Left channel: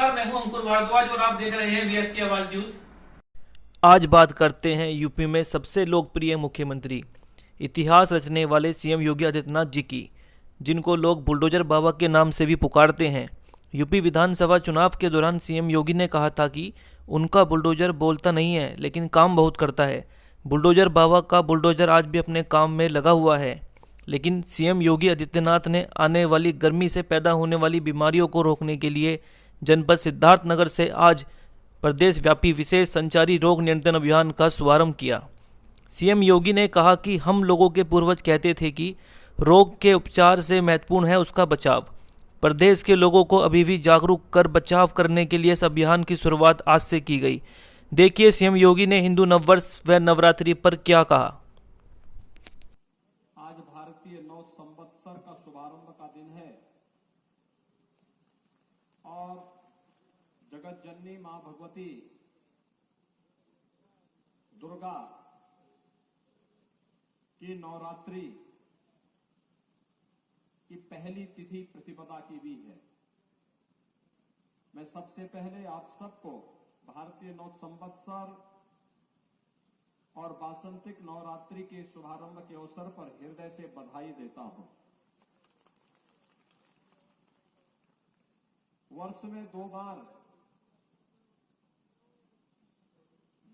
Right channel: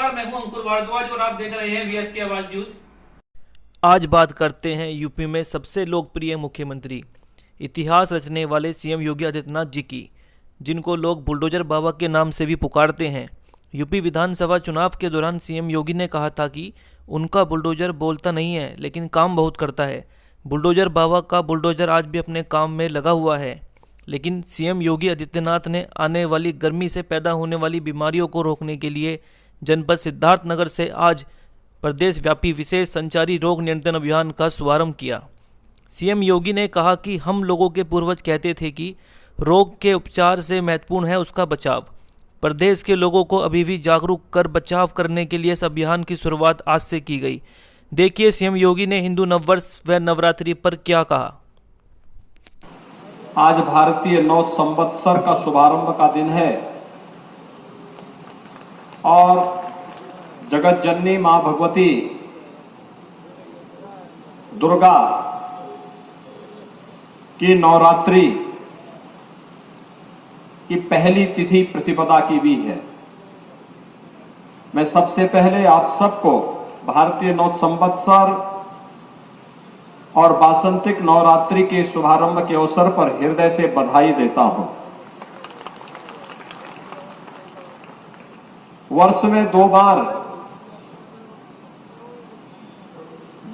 नमस्कार, मैं हूं अंकुर भारद्वाज और आप देख रहे हैं वीएसके आवाज न्यूज। आज बात करते हैं यूपी में सबसे लोकप्रिय मुख्यमंत्री, इतिहास रचने वाले सीएम योगी आदित्यनाथ जी की, जिनको लोग बुलडोजर बाबा के नाम से भी पुकारते हैं। यूपी विधानसभा चुनाव के दौरान सीएम योगी ने कहा था कि उनका बुलडोजर बोलता नहीं है लेकिन काम बहुत करता है। बुलडोजर बाबा का बुलडोजर आज भी अपने काम में लगा हुआ है, लेकिन सीएम योगी आदित्यनाथ ने आने वाली गर्मी से पैदा होने वाली बीमारियों को रोकने के लिए जनपद सिद्धार्थनगर से आज प्रदेश व्यापी विशेष संचारी रोग नियंत्रण अभियान का शुभारंभ किया। सीएम योगी ने कहा कि हम लोगों के पूर्वज कहते थे कि रोग के उपचार से महत्वपूर्ण है उसका बचाव। प्रदेश के लोगों को अभी भी जागरूक कर बचाव करने के लिए इस अभियान की शुरुआत आज से की गई। देखिए सीएम योगी ने हिंदू नववर्ष व नवरात्रि पर क्या कहा। आज भारतीय नव संवत्सर का शुभारंभ का दिन है और जगत जननी मां भगवती दुर्गा की नवरात्रि की पहली तिथि प्रतिपदा की भी है। मैं सबसे पहले आप सबको भारतीय नव संवत्सर और वासंतिक नवरात्रि के शुभारंभ के अवसर पर हृदय से बधाई देता हूं। वर्ष में 2 बार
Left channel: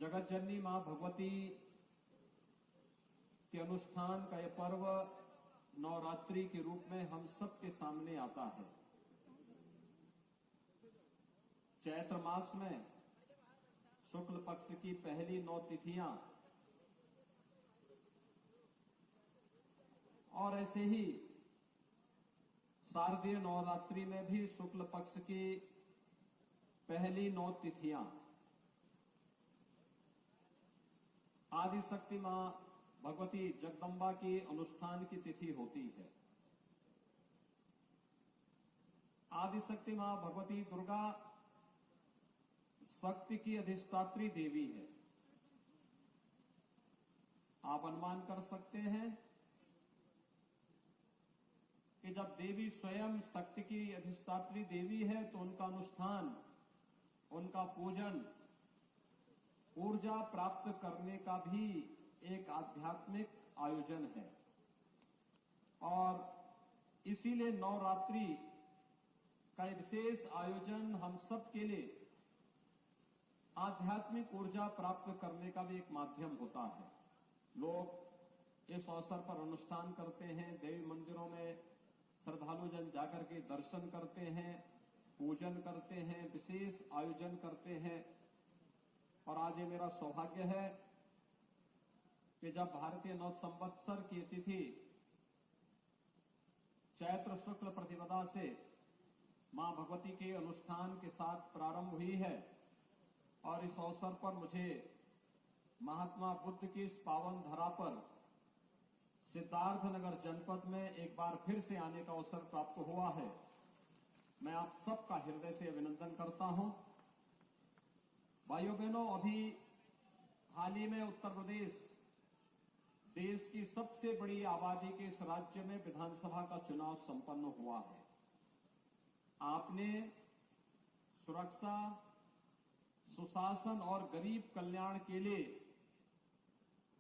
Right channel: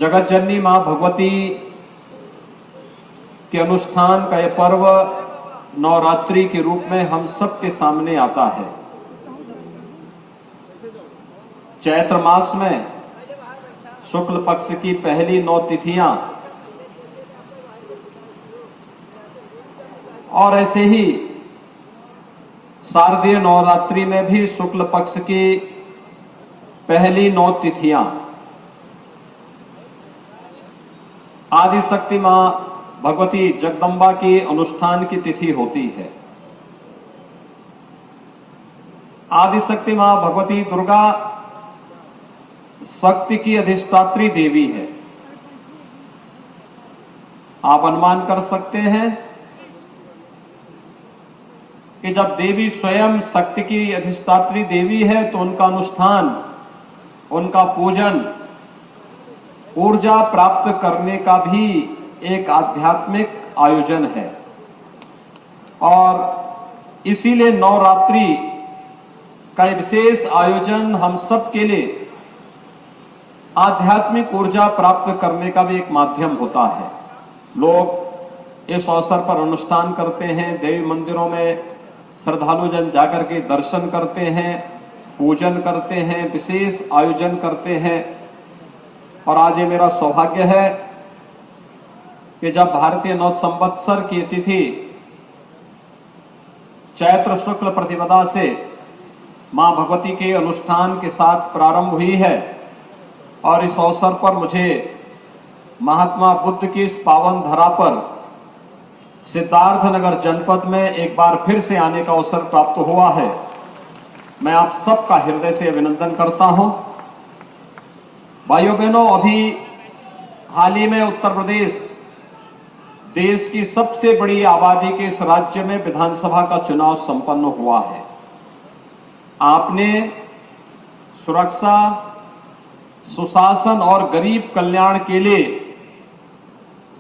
जगत जननी मां भगवती के अनुष्ठान का यह पर्व नवरात्रि के रूप में हम सबके सामने आता है। चैत्र मास में शुक्ल पक्ष की पहली 9 तिथियां और ऐसे ही शारदीय नवरात्रि में भी शुक्ल पक्ष की पहली 9 तिथियां आदि शक्ति मां भगवती जगदम्बा की अनुष्ठान की तिथि होती है। आदि शक्ति मां भगवती दुर्गा शक्ति की अधिष्ठात्री देवी है। आप अनुमान कर सकते हैं कि जब देवी स्वयं शक्ति की अधिष्ठात्री देवी है तो उनका अनुष्ठान, उनका पूजन ऊर्जा प्राप्त करने का भी एक आध्यात्मिक आयोजन है और इसीलिए नवरात्रि का विशेष आयोजन हम सब के लिए आध्यात्मिक ऊर्जा प्राप्त करने का भी एक माध्यम होता है। लोग इस अवसर पर अनुष्ठान करते हैं, देवी मंदिरों में श्रद्धालु जन जाकर के दर्शन करते हैं, पूजन करते हैं, विशेष आयोजन करते हैं। और आज ये मेरा सौभाग्य है कि जब भारतीय नव संवत्सर की तिथि चैत्र शुक्ल प्रतिपदा से मां भगवती के अनुष्ठान के साथ प्रारंभ हुई है और इस अवसर पर मुझे महात्मा बुद्ध की इस पावन धरा पर सिद्धार्थनगर जनपद में एक बार फिर से आने का अवसर प्राप्त हुआ है। मैं आप सबका हृदय से अभिनंदन करता हूं। भाइयों बहनों, अभी हाल ही में उत्तर प्रदेश देश की सबसे बड़ी आबादी के इस राज्य में विधानसभा का चुनाव संपन्न हुआ है। आपने सुरक्षा, सुशासन और गरीब कल्याण के लिए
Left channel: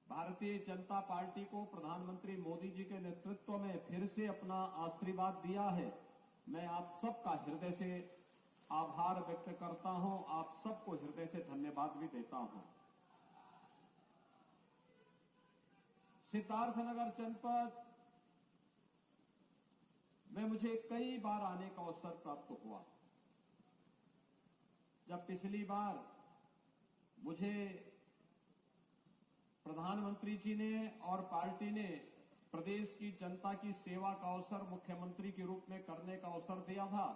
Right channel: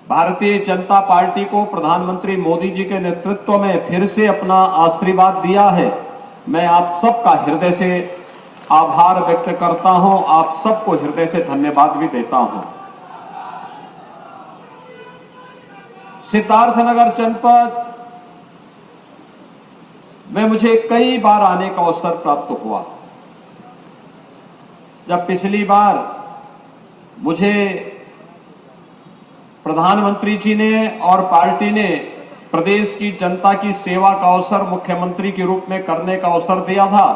भारतीय जनता पार्टी को प्रधानमंत्री मोदी जी के नेतृत्व में फिर से अपना आशीर्वाद दिया है। मैं आप सबका हृदय से आभार व्यक्त करता हूं, आप सबको हृदय से धन्यवाद भी देता हूं। सिद्धार्थनगर जनपद में मुझे कई बार आने का अवसर प्राप्त हुआ। जब पिछली बार मुझे प्रधानमंत्री जी ने और पार्टी ने प्रदेश की जनता की सेवा का अवसर मुख्यमंत्री के रूप में करने का अवसर दिया था,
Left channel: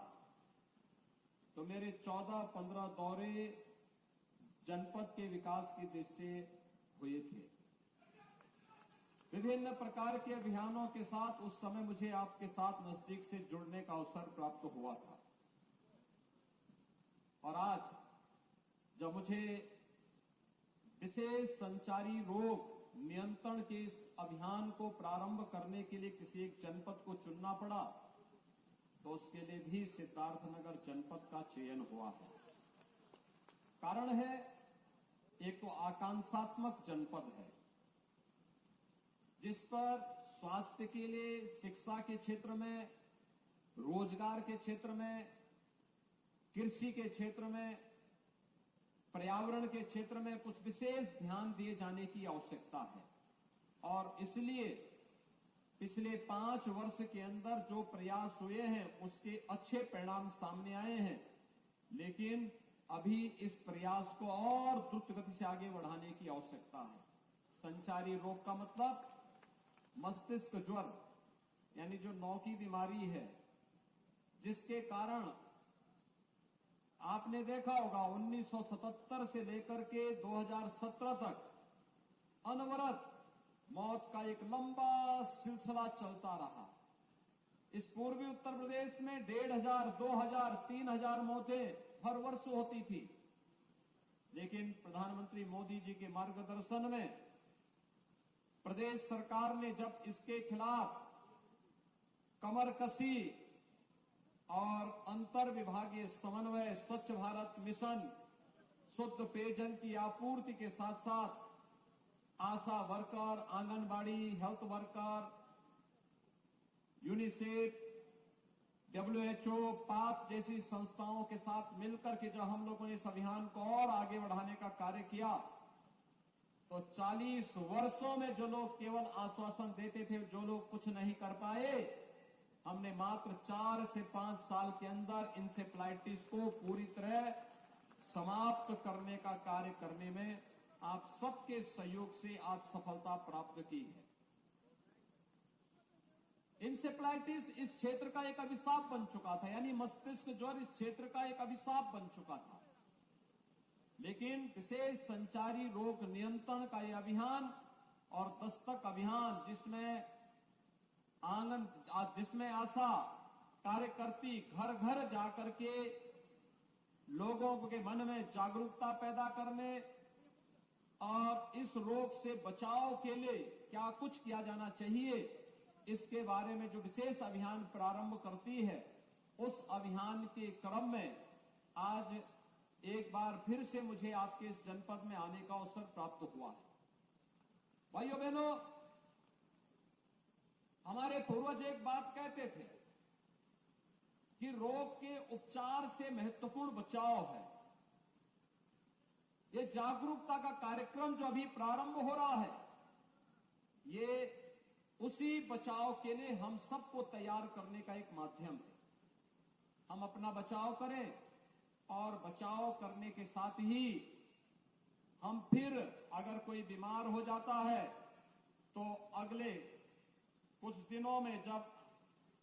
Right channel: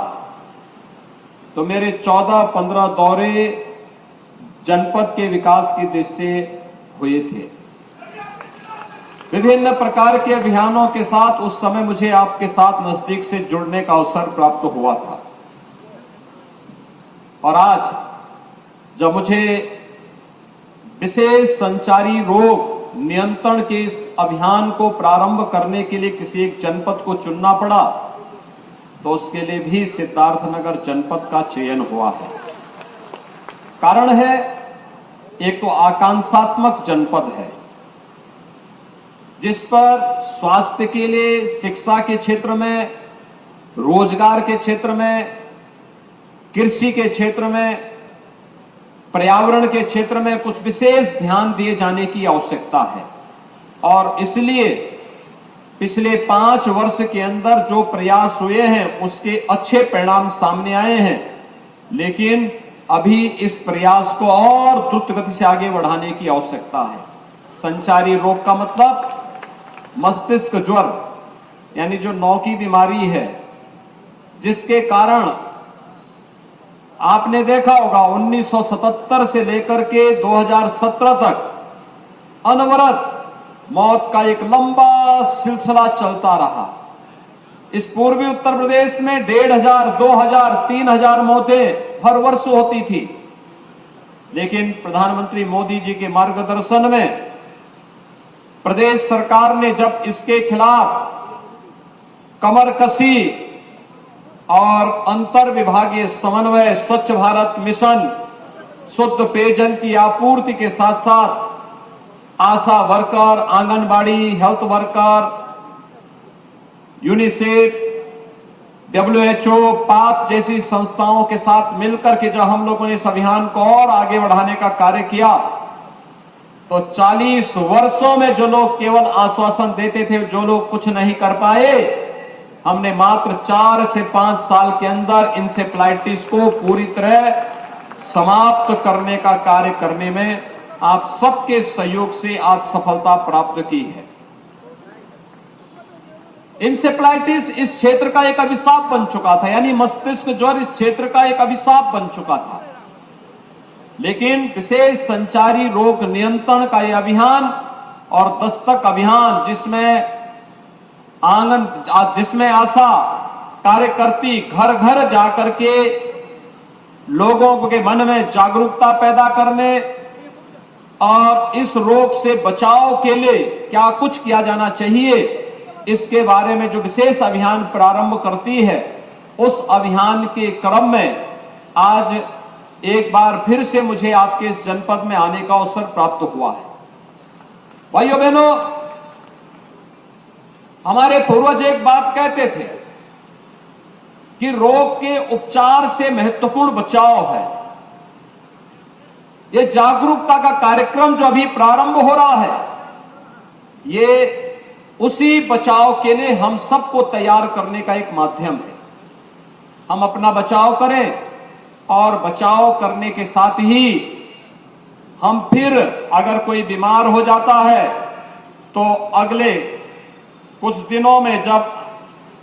तो मेरे 14-15 दौरे जनपद के विकास की दृष्टि से हुए थे। विभिन्न प्रकार के अभियानों के साथ उस समय मुझे आपके साथ नजदीक से जुड़ने का अवसर प्राप्त हुआ था और आज जब मुझे विशेष संचारी रोग नियंत्रण के इस अभियान को प्रारंभ करने के लिए किसी एक जनपद को चुनना पड़ा, तो उसके लिए भी सिद्धार्थनगर जनपद का चयन हुआ है। कारण है, एक तो आकांक्षात्मक जनपद है जिस पर स्वास्थ्य के लिए, शिक्षा के क्षेत्र में, रोजगार के क्षेत्र में, कृषि के क्षेत्र में, पर्यावरण के क्षेत्र में कुछ विशेष ध्यान दिए जाने की आवश्यकता है। और इसलिए पिछले 5 वर्ष के अंदर जो प्रयास हुए हैं उसके अच्छे परिणाम सामने आए हैं, लेकिन अभी इस प्रयास को और द्रुत गति से आगे बढ़ाने की आवश्यकता है। संचारी रोग का मतलब मस्तिष्क ज्वर, यानी जो नौ की बीमारी है, जिसके कारण आपने देखा होगा 1977 से लेकर के 2017 तक अनवरत मौत का एक लंबा सिलसिला चलता रहा। इस पूर्वी उत्तर प्रदेश में 1500, 2000, 3000 मौतें हर वर्ष होती थी, लेकिन प्रधानमंत्री मोदी जी के मार्गदर्शन में प्रदेश सरकार ने जब इसके खिलाफ कमर कसी और अंतर विभागीय समन्वय, स्वच्छ भारत मिशन, शुद्ध पेयजल की आपूर्ति के साथ साथ ASHA worker, anganwadi, health worker, UNICEF, WHO, पाक जैसी संस्थाओं के साथ मिलकर के जब हम लोगों ने इस अभियान को और आगे बढ़ाने का कार्य किया, तो 40 वर्षों में जो लोग केवल आश्वासन देते थे, जो लोग कुछ नहीं कर पाए, हमने मात्र 4 से 5 साल के अंदर इंसेफ्लाइटिस को पूरी तरह समाप्त करने का कार्य करने में आप सबके सहयोग से आज सफलता प्राप्त की है। इंसेफ्लाइटिस इस क्षेत्र का एक अभिशाप बन चुका था, यानी मस्तिष्क ज्वर इस क्षेत्र का एक अभिशाप बन चुका था। लेकिन विशेष संचारी रोग नियंत्रण का यह अभियान और दस्तक अभियान, जिसमें आशा कार्यकर्ती घर घर जाकर के लोगों के मन में जागरूकता पैदा करने और इस रोग से बचाव के लिए क्या कुछ किया जाना चाहिए, इसके बारे में जो विशेष अभियान प्रारंभ करती है, उस अभियान के क्रम में आज एक बार फिर से मुझे आपके इस जनपद में आने का अवसर प्राप्त हुआ है। भाइयों बहनों, हमारे पूर्वज एक बात कहते थे कि रोग के उपचार से महत्वपूर्ण बचाव है। ये जागरूकता का कार्यक्रम जो अभी प्रारंभ हो रहा है, ये उसी बचाव के लिए हम सबको तैयार करने का एक माध्यम है। हम अपना बचाव करें और बचाव करने के साथ ही हम फिर अगर कोई बीमार हो जाता है तो अगले कुछ दिनों में जब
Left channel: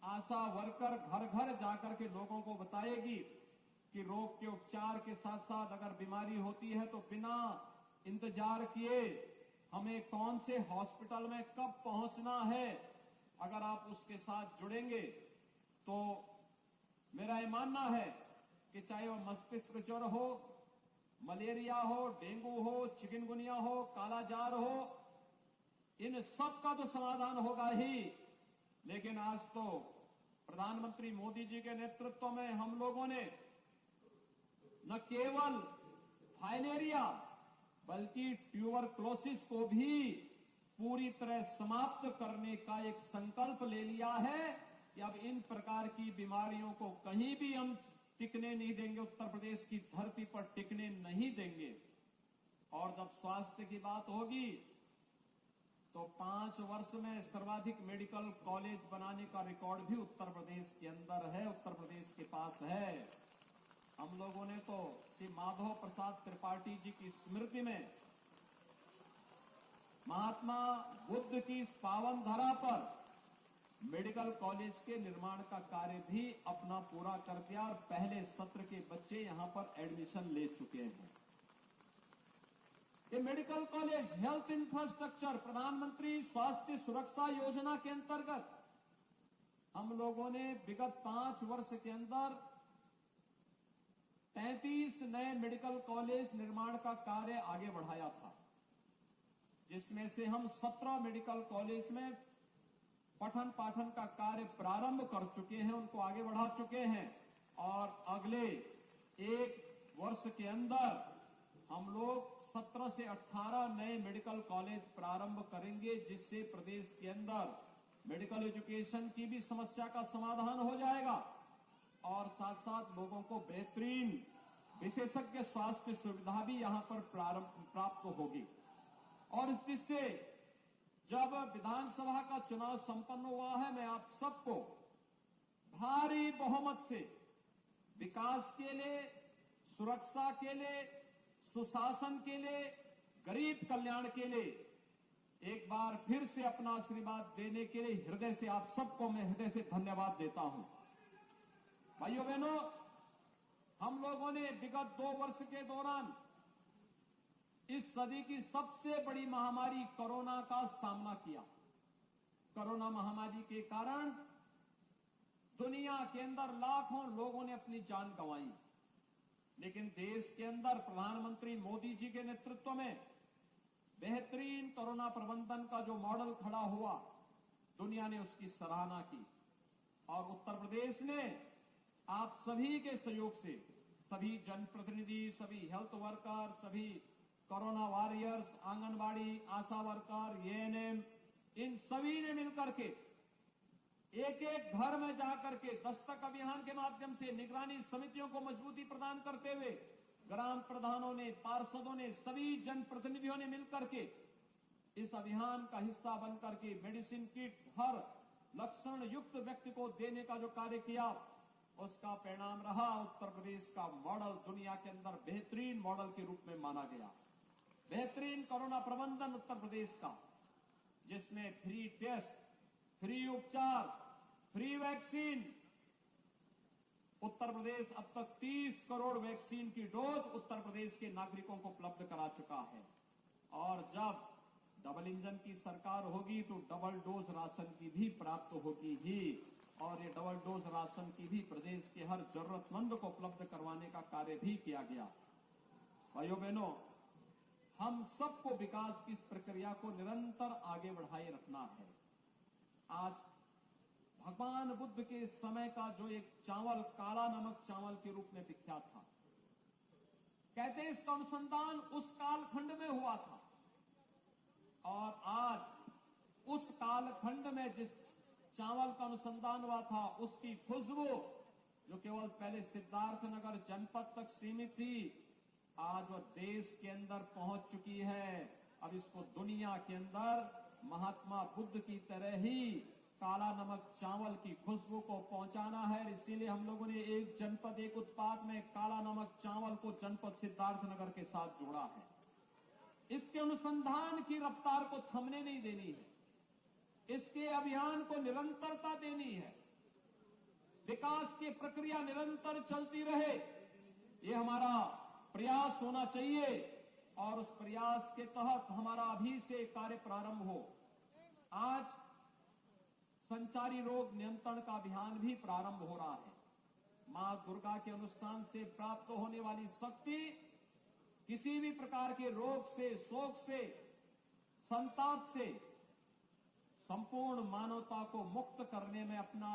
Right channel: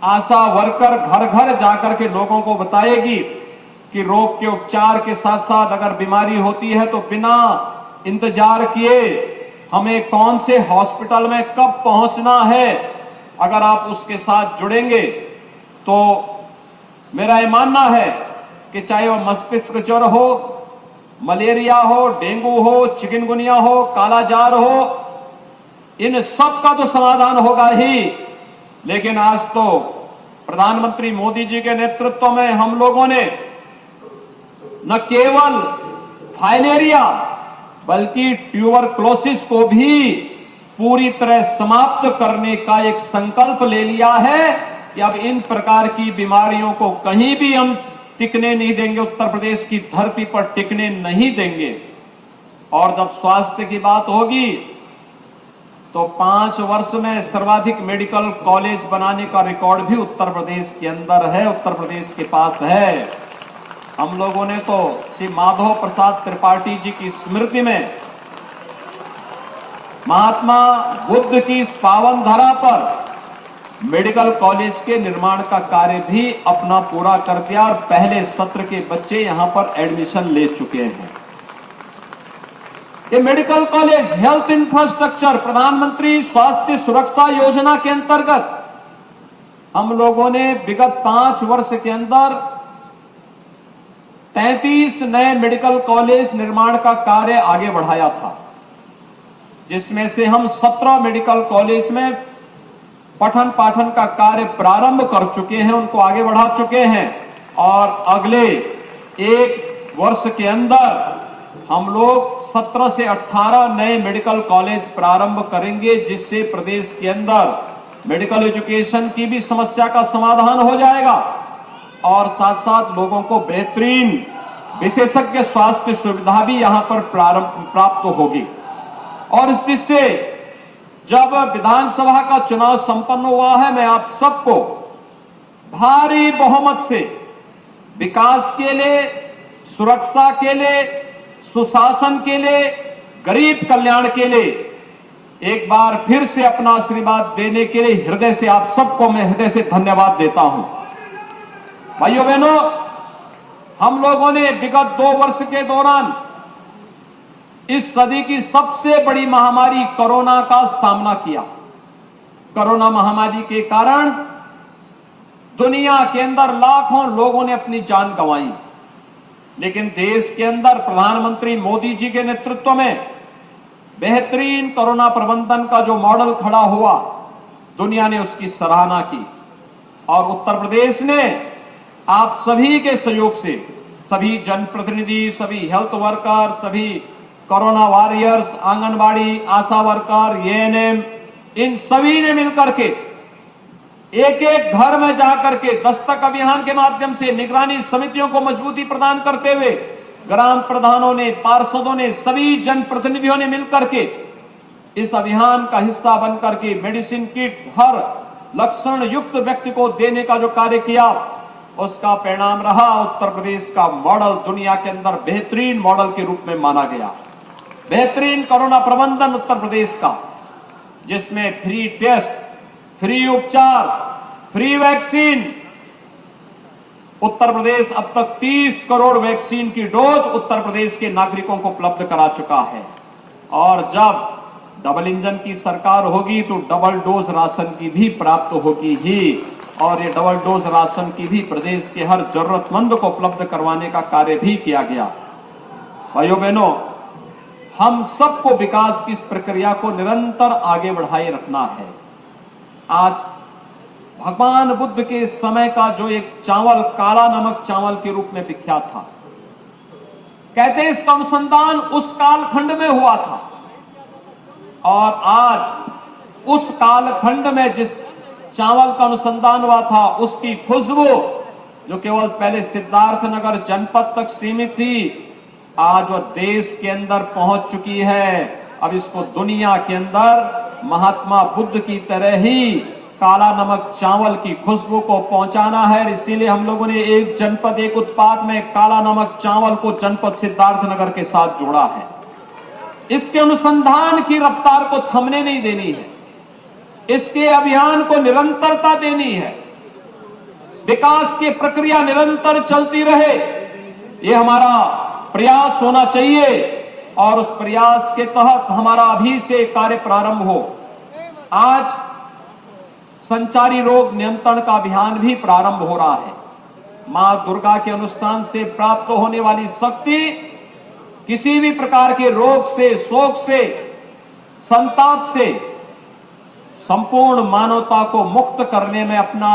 आशा वर्कर घर घर जाकर के लोगों को बताएगी कि रोग के उपचार के साथ साथ अगर बीमारी होती है तो बिना इंतजार किए हमें कौन से हॉस्पिटल में कब पहुंचना है, अगर आप उसके साथ जुड़ेंगे तो मेरा यह मानना है कि चाहे वह मस्तिष्क ज्वर हो, मलेरिया हो, डेंगू हो, चिकनगुनिया हो, कालाजार हो, इन सब का तो समाधान होगा ही। लेकिन आज तो प्रधानमंत्री मोदी जी के नेतृत्व में हम लोगों ने न केवल फाइलेरिया बल्कि ट्यूबरक्लोसिस को भी पूरी तरह समाप्त करने का एक संकल्प ले लिया है कि अब इन प्रकार की बीमारियों को कहीं भी हम टिकने नहीं देंगे, उत्तर प्रदेश की धरती पर टिकने नहीं देंगे। और जब स्वास्थ्य की बात होगी तो 5 वर्ष में सर्वाधिक मेडिकल कॉलेज बनाने का रिकॉर्ड भी उत्तर प्रदेश के अंदर है, उत्तर प्रदेश के पास है। हम लोगों ने तो श्री माधव प्रसाद त्रिपाठी जी की स्मृति में महात्मा बुद्ध की इस पावन धरा पर मेडिकल कॉलेज के निर्माण का कार्य भी अपना पूरा कर दिया और पहले सत्र के बच्चे यहां पर एडमिशन ले चुके हैं। ये मेडिकल कॉलेज हेल्थ इंफ्रास्ट्रक्चर प्रधानमंत्री स्वास्थ्य सुरक्षा योजना के अंतर्गत हम लोगों ने विगत 5 वर्ष के अंदर 33 नए मेडिकल कॉलेज निर्माण का कार्य आगे बढ़ाया था, जिसमें से हम 17 मेडिकल कॉलेज में पठन पाठन का कार्य प्रारंभ कर चुके हैं, उनको आगे बढ़ा चुके हैं और अगले एक वर्ष के अंदर हम लोग 17 से 18 नए मेडिकल कॉलेज प्रारंभ करेंगे, जिससे प्रदेश के अंदर मेडिकल एजुकेशन की भी समस्या का समाधान हो जाएगा और साथ साथ लोगों को बेहतरीन विशेषज्ञ स्वास्थ्य सुविधा भी यहां पर प्राप्त होगी। और इस दृष्टि से जब विधानसभा का चुनाव संपन्न हुआ है, मैं आप सबको भारी बहुमत से विकास के लिए, सुरक्षा के लिए, सुशासन के लिए, गरीब कल्याण के लिए एक बार फिर से अपना आशीर्वाद देने के लिए हृदय से आप सबको मैं हृदय से धन्यवाद देता हूं। भाइयों बहनों, हम लोगों ने विगत 2 वर्ष के दौरान इस सदी की सबसे बड़ी महामारी कोरोना का सामना किया। कोरोना महामारी के कारण दुनिया के अंदर लाखों लोगों ने अपनी जान गंवाई, लेकिन देश के अंदर प्रधानमंत्री मोदी जी के नेतृत्व में बेहतरीन कोरोना प्रबंधन का जो मॉडल खड़ा हुआ, दुनिया ने उसकी सराहना की और उत्तर प्रदेश ने आप सभी के सहयोग से, सभी जनप्रतिनिधि, सभी हेल्थ वर्कर, सभी कोरोना वॉरियर्स, आंगनबाड़ी, आशा वर्कर, एएनएम, इन सभी ने मिलकर के एक एक घर में जाकर के दस्तक अभियान के माध्यम से निगरानी समितियों को मजबूती प्रदान करते हुए ग्राम प्रधानों ने, पार्षदों ने, सभी जनप्रतिनिधियों ने मिलकर के इस अभियान का हिस्सा बनकर के मेडिसिन किट हर लक्षण युक्त व्यक्ति को देने का जो कार्य किया, उसका परिणाम रहा उत्तर प्रदेश का मॉडल दुनिया के अंदर बेहतरीन मॉडल के रूप में माना गया। बेहतरीन कोरोना प्रबंधन उत्तर प्रदेश का, जिसमें फ्री टेस्ट, फ्री उपचार, फ्री वैक्सीन, उत्तर प्रदेश अब तक 30 करोड़ वैक्सीन की डोज उत्तर प्रदेश के नागरिकों को उपलब्ध करा चुका है। और जब डबल इंजन की सरकार होगी तो डबल डोज राशन की भी प्राप्त होगी ही, और ये डबल डोज राशन की भी प्रदेश के हर जरूरतमंद को उपलब्ध करवाने का कार्य भी किया गया। भाइयों बहनों, हम सबको विकास की इस प्रक्रिया को निरंतर आगे बढ़ाए रखना है। आज भगवान बुद्ध के समय का जो एक चावल काला नमक चावल के रूप में विख्यात था, कहते हैं इसका अनुसंधान उस कालखंड में हुआ था और आज उस कालखंड में जिस चावल का अनुसंधान हुआ था, उसकी खुशबू जो केवल पहले सिद्धार्थनगर जनपद तक सीमित थी, आज वह देश के अंदर पहुंच चुकी है। अब इसको दुनिया के अंदर महात्मा बुद्ध की तरह ही काला नमक चावल की खुशबू को पहुंचाना है। इसीलिए हम लोगों ने एक जनपद एक उत्पाद में काला नमक चावल को जनपद सिद्धार्थनगर के साथ जोड़ा है। इसके अनुसंधान की रफ्तार को थमने नहीं देनी है, इसके अभियान को निरंतरता देनी है, विकास की प्रक्रिया निरंतर चलती रहे, ये हमारा प्रयास होना चाहिए और उस प्रयास के तहत हमारा अभी से कार्य प्रारंभ हो। आज संचारी रोग नियंत्रण का अभियान भी प्रारंभ हो रहा है। मां दुर्गा के अनुष्ठान से प्राप्त होने वाली शक्ति किसी भी प्रकार के रोग से, शोक से, संताप से संपूर्ण मानवता को मुक्त करने में अपना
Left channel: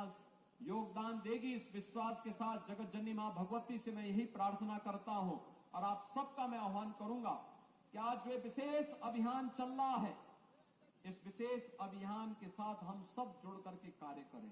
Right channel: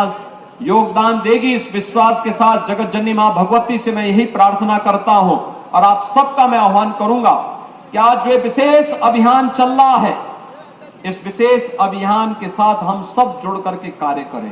योगदान देगी। इस विश्वास के साथ जगत जननी मां भगवती से मैं यही प्रार्थना करता हूं और आप सबका मैं आह्वान करूंगा कि आज जो विशेष अभियान चल रहा है, इस विशेष अभियान के साथ हम सब जुड़ करके कार्य करें।